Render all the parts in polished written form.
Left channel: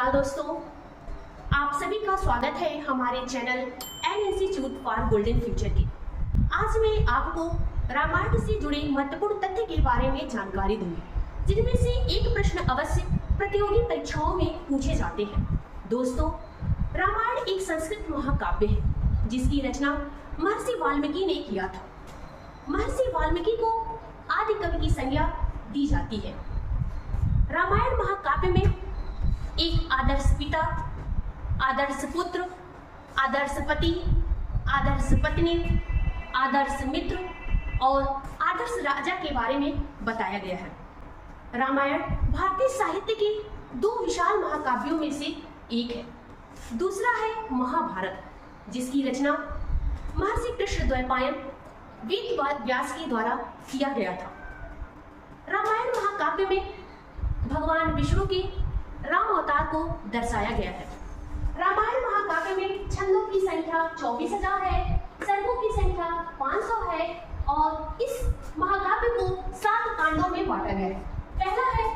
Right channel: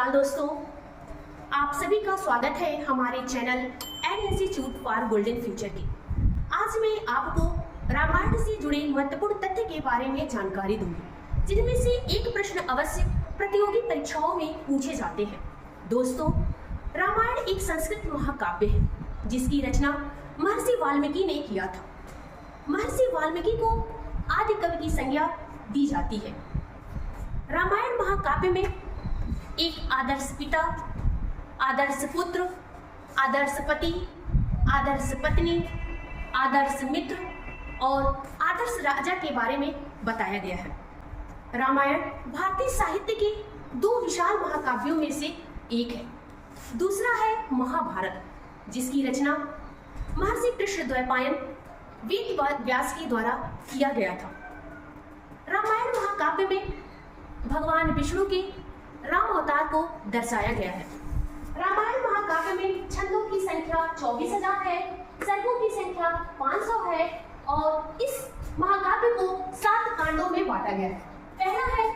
नमस्कार दोस्तों, आप सभी का स्वागत है हमारे channel an institute for golden future के। आज मैं आपको रामायण से जुड़े महत्वपूर्ण तथ्य के बारे में जानकारी दूंगी, जिनमें से एक प्रश्न अवश्य प्रतियोगी परीक्षाओं में पूछे जाते हैं। दोस्तों, रामायण एक संस्कृत महाकाव्य है जिसकी रचना महर्षि वाल्मीकि ने किया था। महर्षि वाल्मीकि को आदि कवि की संज्ञा दी जाती है। रामायण महाकाव्य में एक आदर्श पिता, आदर्श पुत्र, आदर्श पति, आदर्श पत्नी, आदर्श मित्र और आदर्श राजा के बारे में बताया गया है। रामायण भारतीय साहित्य के दो विशाल महाकाव्यों में से एक है। दूसरा है महाभारत, जिसकी रचना महर्षि कृष्णद्वैपायन वेद व्यास के द्वारा किया गया था। रामायण महाकाव्य में भगवान विष्णु के राम अवतार को दर्शाया गया है। रामायण महाकाव्य में छंदों की संख्या 24,000 है, सर्गों की संख्या 500 है और इस महाकाव्य को 7 कांडों में बांटा गया है। पहला है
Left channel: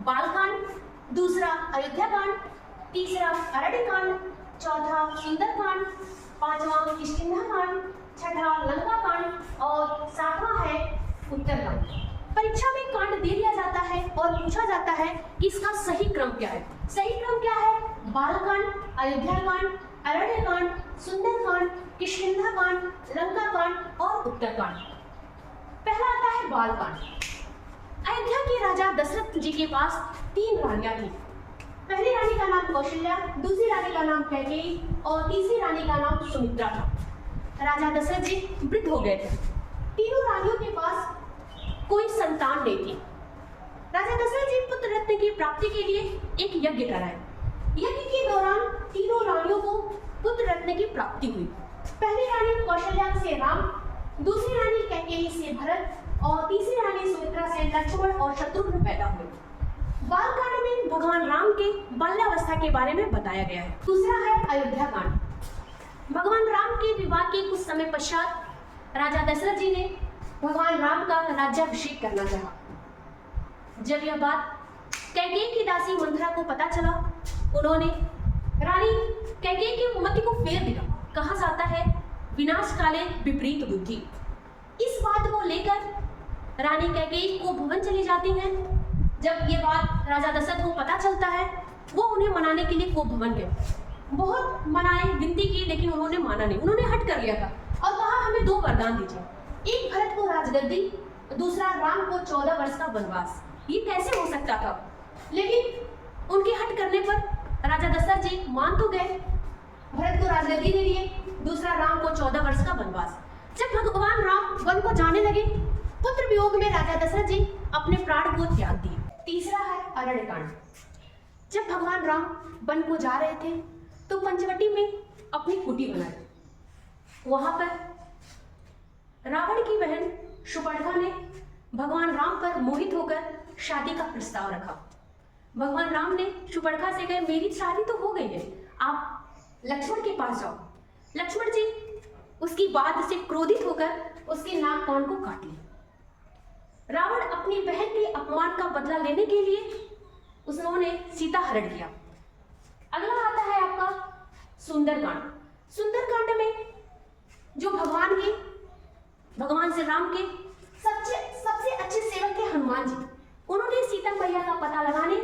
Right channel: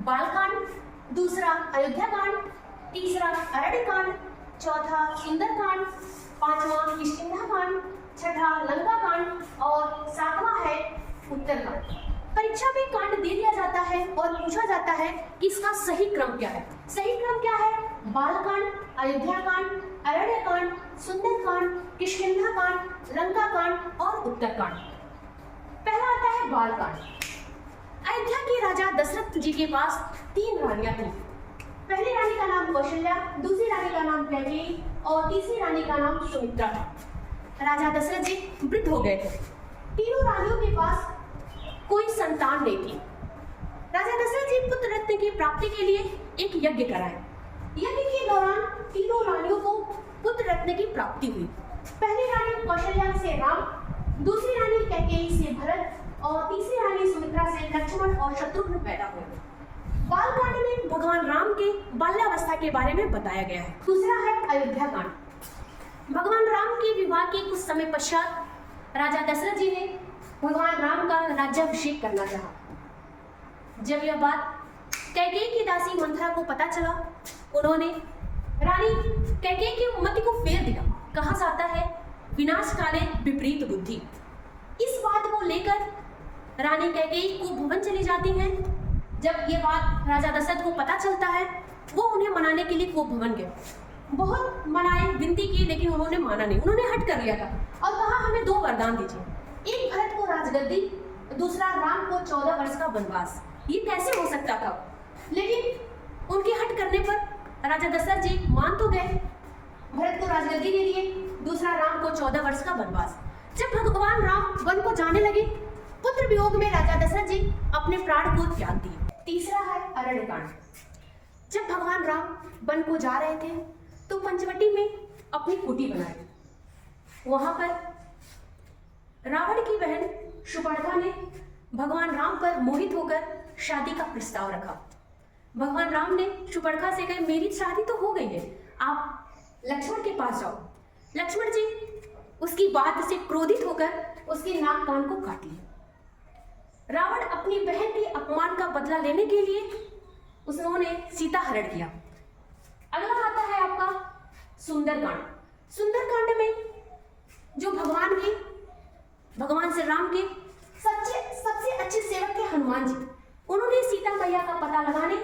बालकांड, दूसरा अयोध्या कांड, तीसरा अरण्य कांड, चौथा सुंदरकांड, पांचवा किष्किंधा कांड, छठा लंका कांड और सातवां है उत्तरकांड। परीक्षा में कांड दे दिया जाता है और पूछा जाता है कि इसका सही क्रम क्या है। सही क्रम क्या है? बालकांड, अयोध्या कांड, अरण्य कांड, सुंदरकांड, किष्किंधा कांड, लंका कांड और उत्तरकांड। पहला आता है बालकांड। अयोध्या के राजा दशरथ जी के पास 3 रानियां थी। पहली रानी का नाम कौशल्या, दूसरी रानी का नाम कैकेयी और तीसरी रानी का नाम सुमित्रा था। राजा दशरथ जी वृद्ध हो गए थे। तीनों रानियों के पास कोई संतान नहीं थी। राजा दशरथ जी पुत्र रत्न की प्राप्ति के लिए एक यज्ञ कराए। यज्ञ के दौरान तीनों रानियों को पुत्र रत्न की प्राप्ति हुई। पहली रानी कौशल्या से राम, दूसरी रानी कैकेयी से भरत और तीसरी रानी सुमित्रा से लक्ष्मण और शत्रुघ्न पैदा हुए। बालकांड में भगवान राम के बाल्यावस्था के बारे में बताया गया है। दूसरा है अयोध्या कांड। भगवान राम के विवाह के कुछ समय पश्चात राजा दशरथ जी ने भगवान राम का राज्याभिषेक करना चाहा। जब यह बात कैकेयी की दासी मंथरा को पता चला, उन्होंने रानी कैकेयी की मति को फेर दिया। कहा जाता है विनाश काले विपरीत बुद्धि। इस बात को लेकर रानी कैकेयी को भवन चली जाती हैं। जब ये बात राजा दशरथ को पता चलता है, वो उन्हें मनाने के लिए वो भवन गए। बहुत मनाई, विनती की, लेकिन उन्होंने माना नहीं। उन्होंने हट कर लिया था और कहा हमें 2 वरदान दीजिए, एक भरत को राजगद्दी, दूसरा राम को 14 वर्ष का वनवास। ये कैसे हो सकता था? लेकिन उनके हट करने पर राजा दशरथ जी मान तो गए। भरत को राजगद्दी दे दिए, दूसरा राम को 14 वर्ष का वनवास। जब भगवान राम वन को जाने लगे, पुत्र वियोग में राजा दशरथ जी अपने प्राण को त्याग दिए। तीसरा है अरण्य कांड। जब भगवान राम वन को जा रहे थे तो पंचवटी में अपनी कुटी बनाई। वहां पर रावण की बहन शूर्पणखा ने भगवान राम पर मोहित होकर शादी का प्रस्ताव रखा। भगवान राम ने शूर्पणखा से कहा मेरी शादी तो हो गई है, आप लक्ष्मण के पास जाओ। लक्ष्मण जी उसकी बात से क्रोधित होकर उसके नाक कान को काट लिए। रावण अपनी बहन के अपमान का बदला लेने के लिए उन्होंने सीता हरण किया। अगला आता है आपका सुंदरकांड। सुंदरकांड में जो भगवान श्री राम के सबसे अच्छे सेवक थे हनुमान जी, उन्होंने सीता मैया का पता लगाने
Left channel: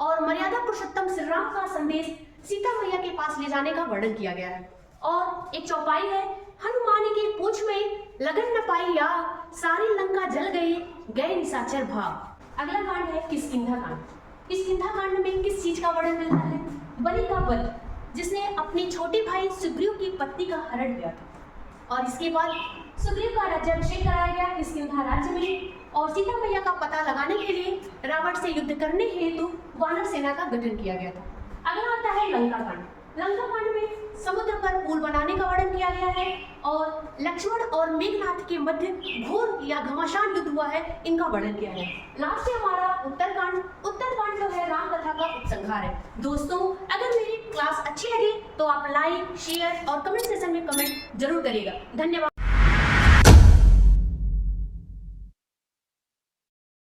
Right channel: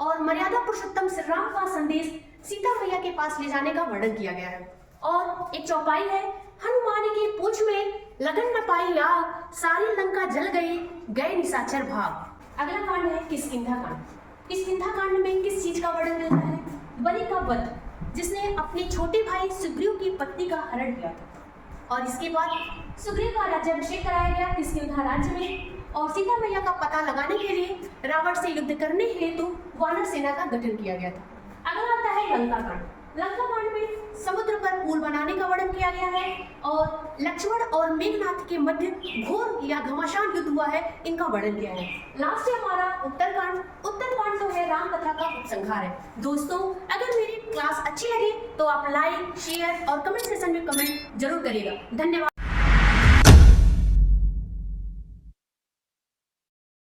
और मर्यादा पुरुषोत्तम श्री राम का संदेश सीता मैया के पास ले जाने का वर्णन किया गया है। और एक चौपाई है, हनुमान की पूंछ में लगन न पाई आग, सारी लंका जल गई, गए निशाचर भाग। अगला कांड है किष्किंधा कांड। किष्किंधा कांड में किस चीज का वर्णन मिलता है? बलि का वध, जिसने अपने छोटे भाई सुग्रीव की पत्नी का हरण किया था। और इसके बाद सुग्रीव का राज्याभिषेक कराया गया किष्किंधा राज्य में और सीता मैया का पता लगाने के लिए रावण से युद्ध करने हेतु वानर सेना का गठन किया गया था। अगला आता है लंका कांड। लंका कांड में समुद्र पर पुल बनाने का वर्णन किया गया है और लक्ष्मण और मेघनाथ के मध्य घोर या घमासान युद्ध हुआ है, इनका वर्णन किया है। लास्ट है हमारा उत्तरकांड। उत्तरकांड तो है राम कथा का उपसंहार है। दोस्तों, अगर मेरी क्लास अच्छी लगी तो आप लाइक, शेयर और कमेंट सेक्शन में कमेंट जरूर करिएगा। धन्यवाद।